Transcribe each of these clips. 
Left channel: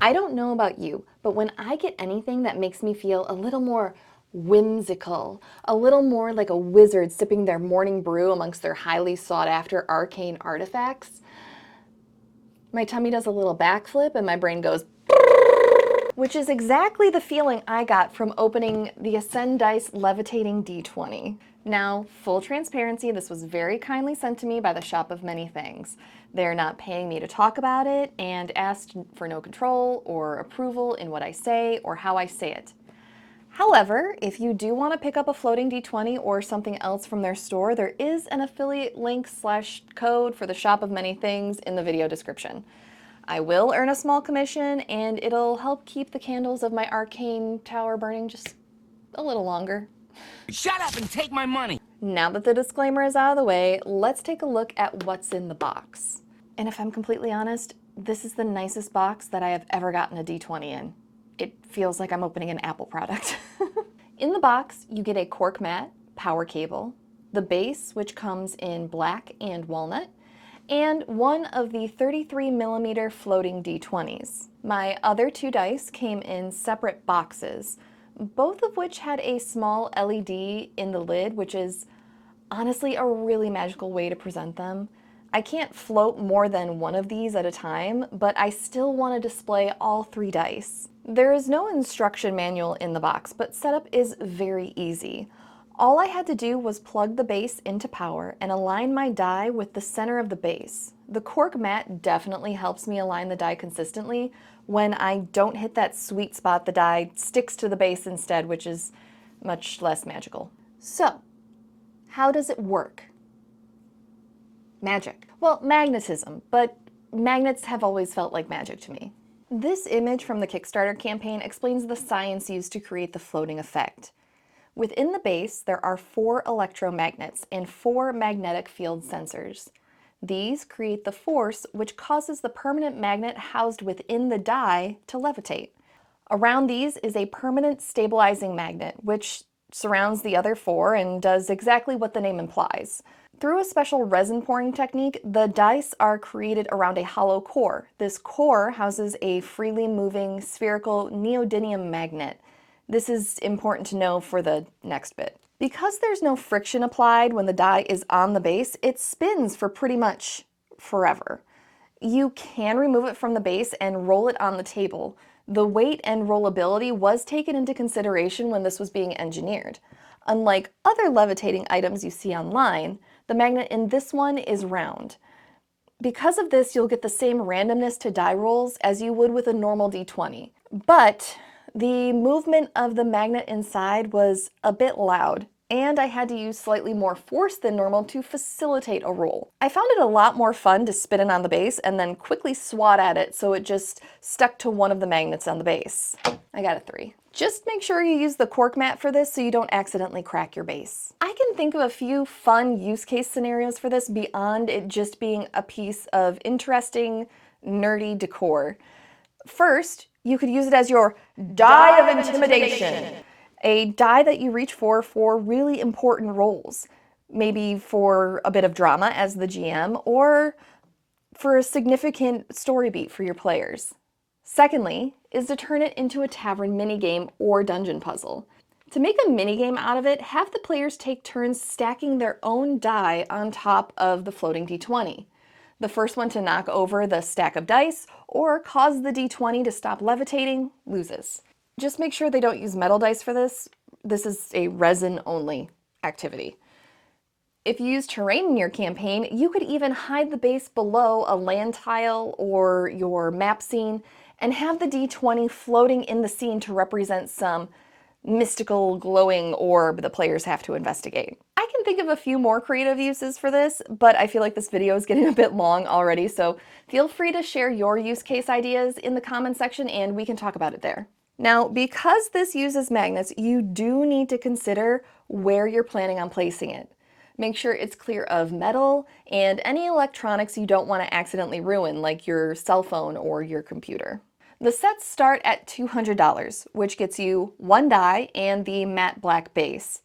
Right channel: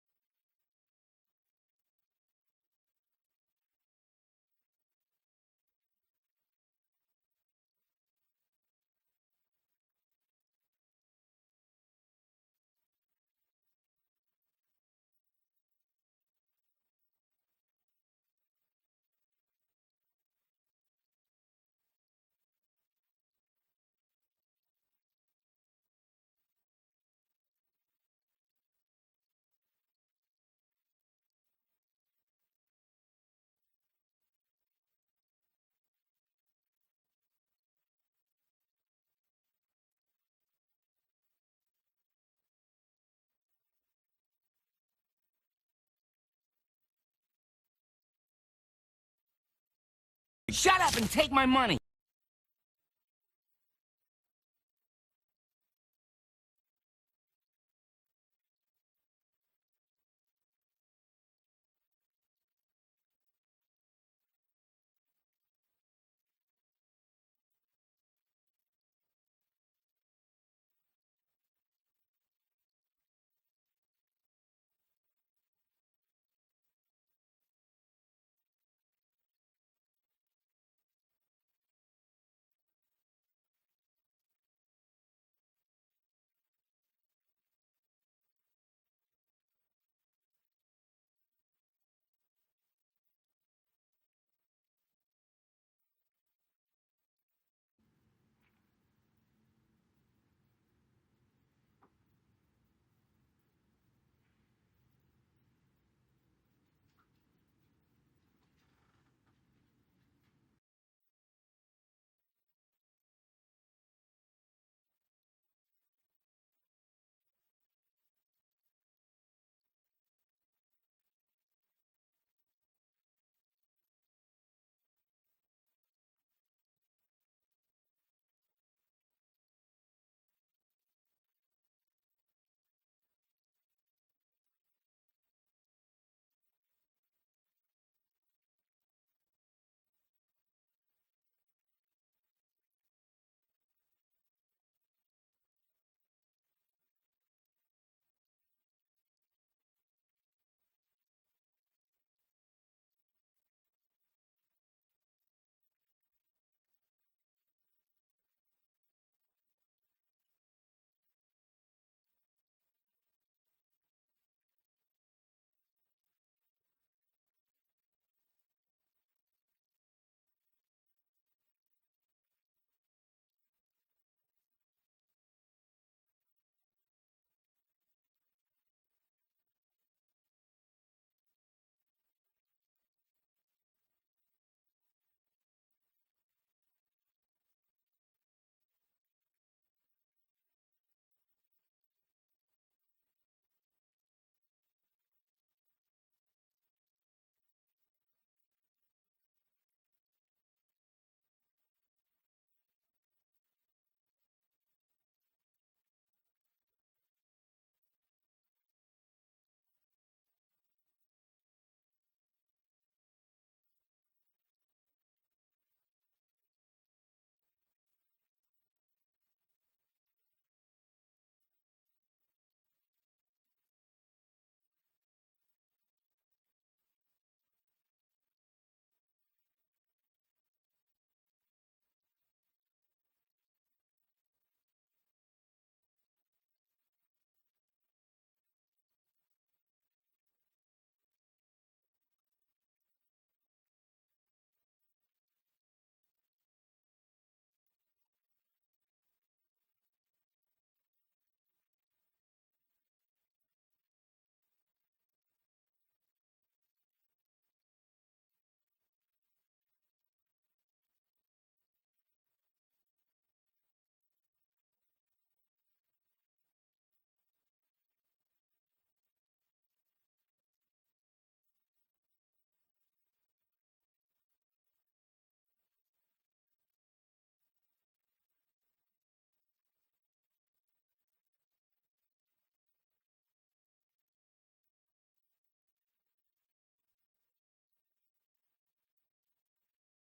I don't know about you, but when I get anything that makes me feel a little more whimsical, a little more like a wizard sipping their morning brew amongst their highly sought after arcane artifacts, my tummy does a little backflip and my brain goes, which is exactly the feeling I got from opening the Ascendice Levitating D20. Now, full transparency, this was very kindly sent to me by the Shop of Many Things. They're not paying me to talk about it and asked for no control or approval in what I say or how I say it. However, if you do want to pick up a floating D20 or something else from their store, there is an affiliate link / code for the Shop of Many Things in the video description. I will earn a small commission, and it'll help keep the candles of my arcane tower burning just a little longer. Shut up and take my money! Now that the disclaimer is out of the way, let's take a look at what's in the box. And if I'm completely honest, this is the nicest box that I have ever gotten a D20 in. It feels like I'm opening an Apple product. In the box, you get a cork mat, power cable, the base, which comes in black and walnut, and one of the 33mm floating D20s. My other two dice came in separate boxes, both of which had a small LED in the lid, which is honestly a really magical way to present them. I can't float more than one of these at a time, but I still want to display all three dice. There is no instruction manual in the box, but setup is very easy. All I had to do was plug the base into power and align my die with the center of the base. The cork mat definitely helps me align the die consistently. When I don't hit that sweet spot, the die sticks to the base instead, which is much less magical. So, how does it work? Magic. Well, magnetism, but magnets have always felt like magic to me. This image from the Kickstarter campaign explains the science used to create the floating effect. Within the base, there are 4 electromagnets and 4 magnetic field sensors. These create the force which causes the permanent magnet housed within the die to levitate. Around these is a permanent stabilizing magnet, which surrounds the other 4 and does exactly what the name implies. Through a special resin pouring technique, the dice are created around a hollow core. This core houses a freely moving spherical neodymium magnet. This is important to know for the next bit. Because there's no friction applied when the die is on the base, it spins for pretty much forever. You can remove it from the base and roll it on the table. The weight and rollability was taken into consideration when this was being engineered. Unlike other levitating items you see online, the magnet in this one is round. Because of this, you'll get the same randomness to die rolls as you would with a normal D20. But the movement of the magnet inside was a bit loud, and I had to use slightly more force than normal to facilitate a roll. I found it a lot more fun to spin it on the base and then quickly swat at it so it just stuck to one of the magnets on the base. I got a 3. Just make sure you use the cork mat for this so you don't accidentally crack your base. I can think of a few fun use case scenarios for this beyond it just being a piece of interesting, nerdy decor. First, you could use it as your die of intimidation, a die that you reach for really important roles. Maybe for a bit of drama as the GM, or for a significant story beat for your players. Secondly, is to turn it into a tavern minigame or dungeon puzzle. To make a minigame out of it, have the players take turns stacking their own die on top of the floating D20. The first one to knock over the stack of dice or cause the D20 to stop levitating loses. Just make sure they don't use metal dice for this. This is a resin-only activity. If you use terrain in your campaign, you could even hide the base below a land tile or your map scene and have the D20 floating in the scene to represent some mystical glowing orb the players have to investigate. I can think of a few more creative uses for this, but I feel like this video is getting a bit long already, so feel free to share your use case ideas in the comment section and we can talk about it there. Now, because this uses magnets, you do need to consider where you're planning on placing it. Make sure it's clear of metal and any electronics you don't want to accidentally ruin, like your cell phone or your computer. The sets start at $200, which gets you 1 die and the matte black base.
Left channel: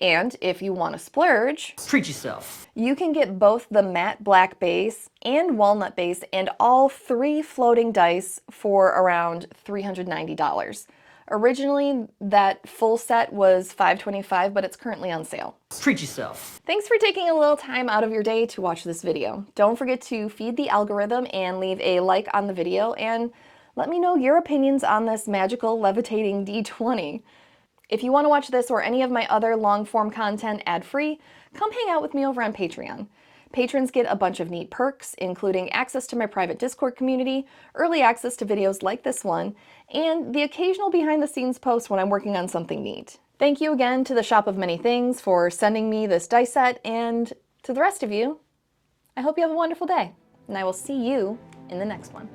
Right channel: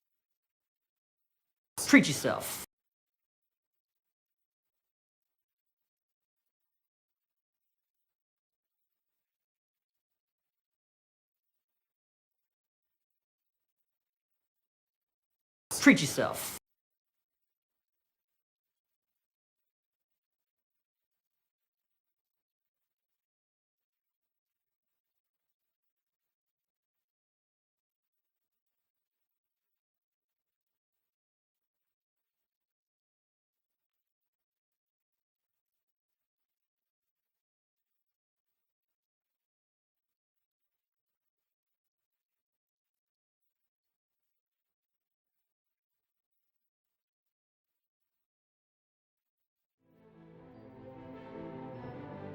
And if you want to splurge, Treat yourself. you can get both the matte black base and walnut base and all 3 floating dice for around $390. Originally, that full set was $525, but it's currently on sale. Treat yourself. Thanks for taking a little time out of your day to watch this video. Don't forget to feed the algorithm and leave a like on the video, and let me know your opinions on this magical levitating D20. If you want to watch this or any of my other long-form content ad-free, come hang out with me over on Patreon. Patrons get a bunch of neat perks, including access to my private Discord community, early access to videos like this one, and the occasional behind-the-scenes post when I'm working on something neat. Thank you again to the Shop of Many Things for sending me this dice set, and to the rest of you, I hope you have a wonderful day, and I will see you in the next one.